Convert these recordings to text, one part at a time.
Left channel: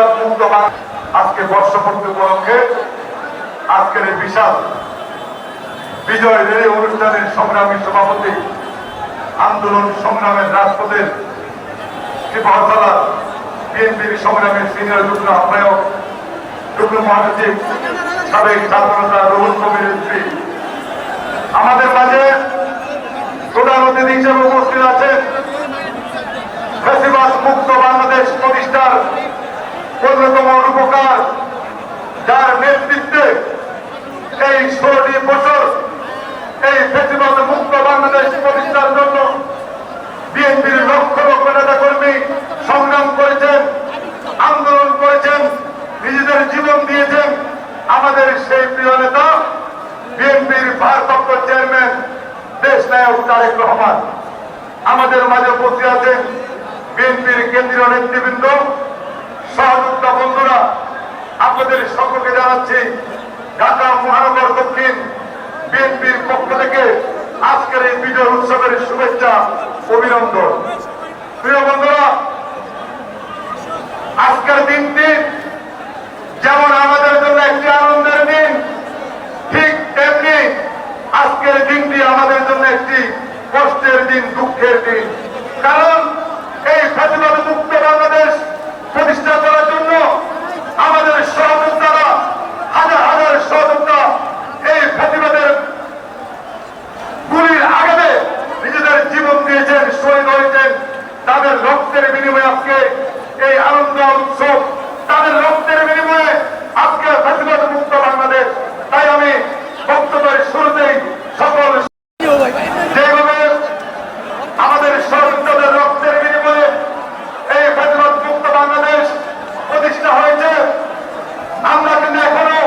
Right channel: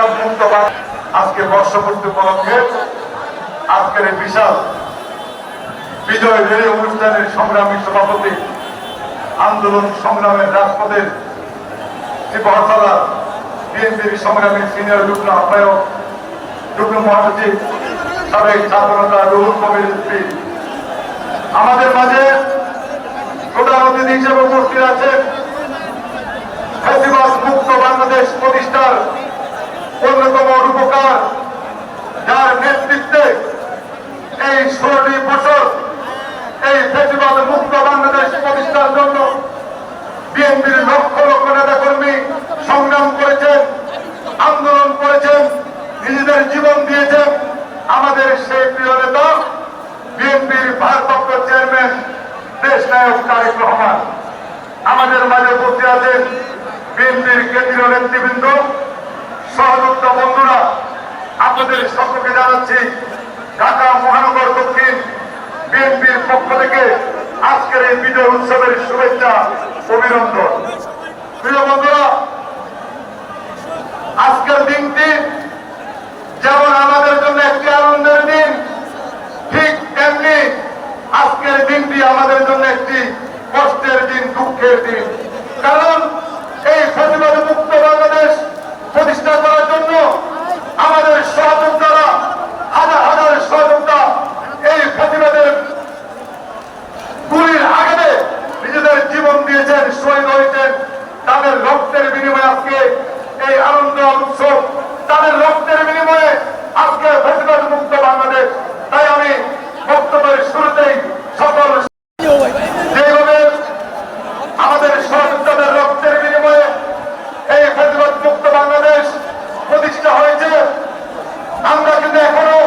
ফেসিবাদ মুক্ত আজকে বর্ষপূর্তি উপলক্ষে আজকের এই বিশাল বিজয় রেলি অনুষ্ঠানের সংগ্রামী সভাপতি, আন্দোলন সংগ্রামের রাজপথের ত্রিপুরা বিএনপির সংগ্রামের সিনিয়র যুগ্ম আহ্বায়ক, যুগ্ম মহাসচিব, সাবেক ছাত্রনেতা রুহুল কবির এমপি আমাদের মাঝে প্রধান অতিথি হিসেবে উপস্থিত আছেন। ফেসিবাদ মুক্ত বাংলাদেশ প্রতিষ্ঠার অন্যতম রূপকার, যার নেতৃত্বে এই 16টি বছর এই ফেসিবাদ মুক্ত বাংলাদেশ প্রতিষ্ঠার জন্য বিএনপির লক্ষ লক্ষ নেতা কর্মী সংগ্রাম করেছেন, আন্দোলন করেছেন, নিজেদের জীবন দিয়েছেন। আমাদের সেই প্রিয় নেতা বিএনপির ভারপ্রাপ্ত চেয়ারম্যান দেশ নায়ক তারেক রহমান আমাদের মাঝে উপস্থিত আছেন। বিএনপির কেন্দ্রীয় নেতৃবৃন্দ, সহযোদ্ধা বন্ধুরা, আপনাদের সকলকে জানাচ্ছি ঢাকা মহানগর দক্ষিণ বিএনপির পক্ষ থেকে আজকের এই বিজয় উৎসবের শুভেচ্ছা, অভিনন্দন। প্রিয় বন্ধুরা, আজকের দিনটি যেমন আমাদের জন্য একটি আনন্দের দিন, ঠিক তেমনি আজকের দিনটি আমাদের জন্য একটি কষ্টের দিন, দুঃখের দিন। কারণ এই ফেসিবাদ মুক্ত বাংলাদেশ প্রতিষ্ঠা করার জন্য আমাদের সহযোদ্ধারা, হাজার হাজার সহযোদ্ধা এই ফেসিবাদের গুলির আঘাতে নিজেদের জীবন দিয়েছেন, শহীদ হয়েছেন। তাদের রক্তের বিনিময়ে আজকে এই আনন্দ উৎসব, তাদের রক্তের বিনিময়ে আজকে ফেসিবাদ মুক্ত বাংলাদেশ। তাই আমি বক্তব্যের শুরুতেই সকল যেভাবে আমাদের সহযোদ্ধাদের রক্তের বিনিময়ে এই ফেসিবাদ মুক্ত বাংলাদেশ প্রতিষ্ঠা হয়েছে, আমরা কিন্তু এখনো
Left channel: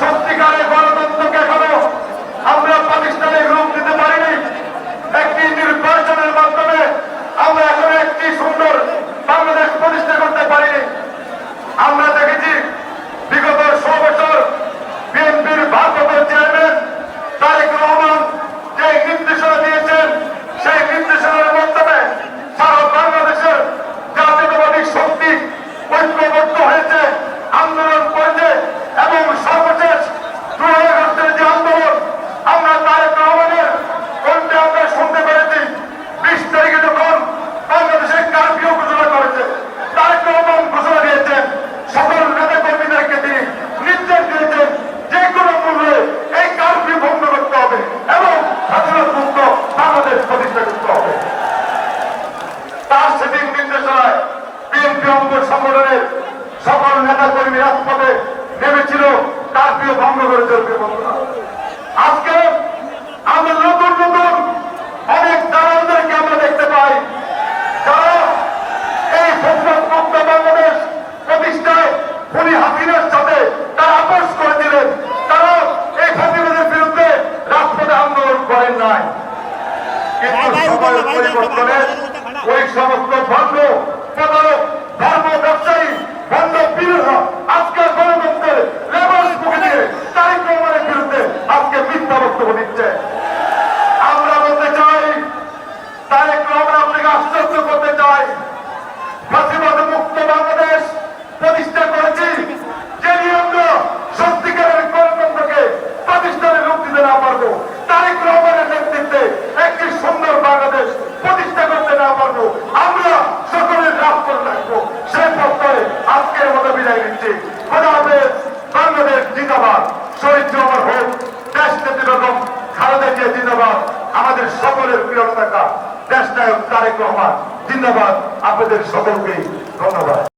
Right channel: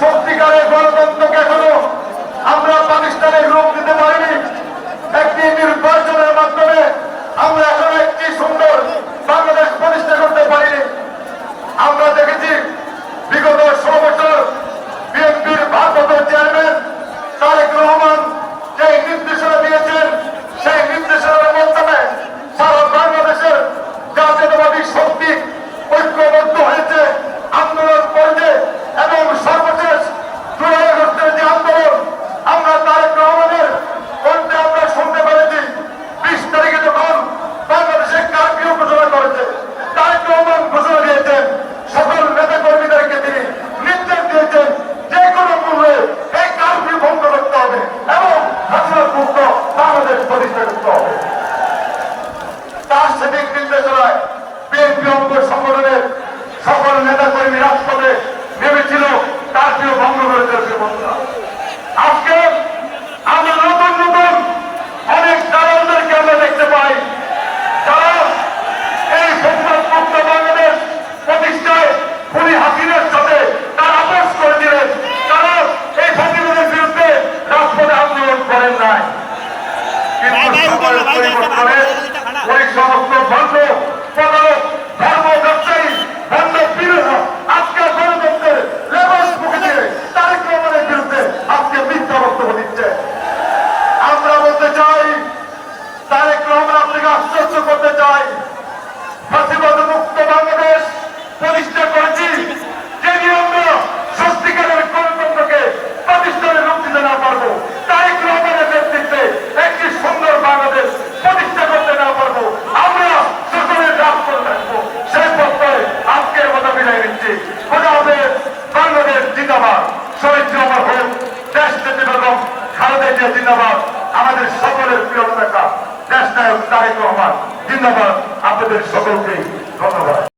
সত্যিকারের গণতন্ত্রকে এখনো আমরা পাকিস্তানের রূপ দিতে পারিনি। একটি নির্বাচনের মাধ্যমে আমরা এখনো একটি সুন্দর বাংলাদেশ প্রতিষ্ঠা করতে পারিনি। আমরা দেখেছি বিগত 16 বছর বিএনপির ভারপ্রাপ্ত চেয়ারম্যান তারেক রহমান যে নির্দেশনা দিয়েছেন, সেই নির্দেশনার মাধ্যমে সারা বাংলাদেশের জাতীয়তাবাদী শক্তি ঐক্যবদ্ধ হয়েছে, আন্দোলন করেছে এবং সর্বশেষ জুলাই আগস্টের যে আন্দোলন আমরা তারেক রহমানের কণ্ঠে আমরা শুনতে পেরেছি। 20 তারিখে যখন বাংলাদেশের কারফিউ ঘোষণা করেছে, তারেক রহমান ঘোষণা দিয়েছেন, সকল নেতা কর্মীদেরকে তিনি নির্দেশ দিয়েছেন যে কোনো মূল্যে এই কারফিউ বন্ধ করতে হবে এবং ফেসিবাদ মুক্ত বাংলাদেশ প্রতিষ্ঠা করতে হবে। তার সেদিন নির্দেশনায় বিএনপি অঙ্গ সংগঠনের সকল নেতা কর্মী রাজপথে নেমেছিল কারফিউ ভঙ্গ করে দিয়েছে। আজকে আমরা নতুন নতুন অনেক দালালদেরকে আমরা দেখতে পাই, যারা এই ফেসিবাদ মুক্ত বাংলাদেশ প্রতিষ্ঠায় খুনি হাসিনার সাথে তারা আপোষ করেছিলেন। তারা এই ফেসিবাদের বিরুদ্ধে রাজপথে আন্দোলন করেন নাই, ওই সমস্ত ভণ্ড প্রতারক, ধর্ম ব্যবসায়ী, ভণ্ড বিরোধ আজকে গণতন্ত্রের রেফারেন্স মুখে দিয়ে তারেক রহমানের বিরুদ্ধে আজকে মিথ্যা বক্তব্য দিচ্ছে। আমরা বলতে চাই, তারেক রহমান আপনাকে আশ্চর্য করতে চাই, ফেসিবাদ মুক্ত বাংলাদেশ প্রতিষ্ঠা করেছি, যেদিন আমরা সত্যিকারের গণতন্ত্রকে প্রতিষ্ঠানের রূপ দিতে না পারবো, তারেক রহমানের নেতৃত্বে একটি সুন্দর বাংলাদেশ প্রতিষ্ঠা করতে না পারবো, আমরা সকলের রাষ্ট্র রাখবো, সেই পথে আজকের মতো বিদায় নিচ্ছি। বাংলাদেশ জিন্দাবাদ, শহীদ জিয়াউর হোক, দেশ নেত্রী বেগম খালেদা জিয়া জিন্দাবাদ, আমাদের সকলের প্রিয় নেতা দেশ নায়ক তারেক রহমান জিন্দাবাদ। আপনাদের সকলকে ধন্যবাদ।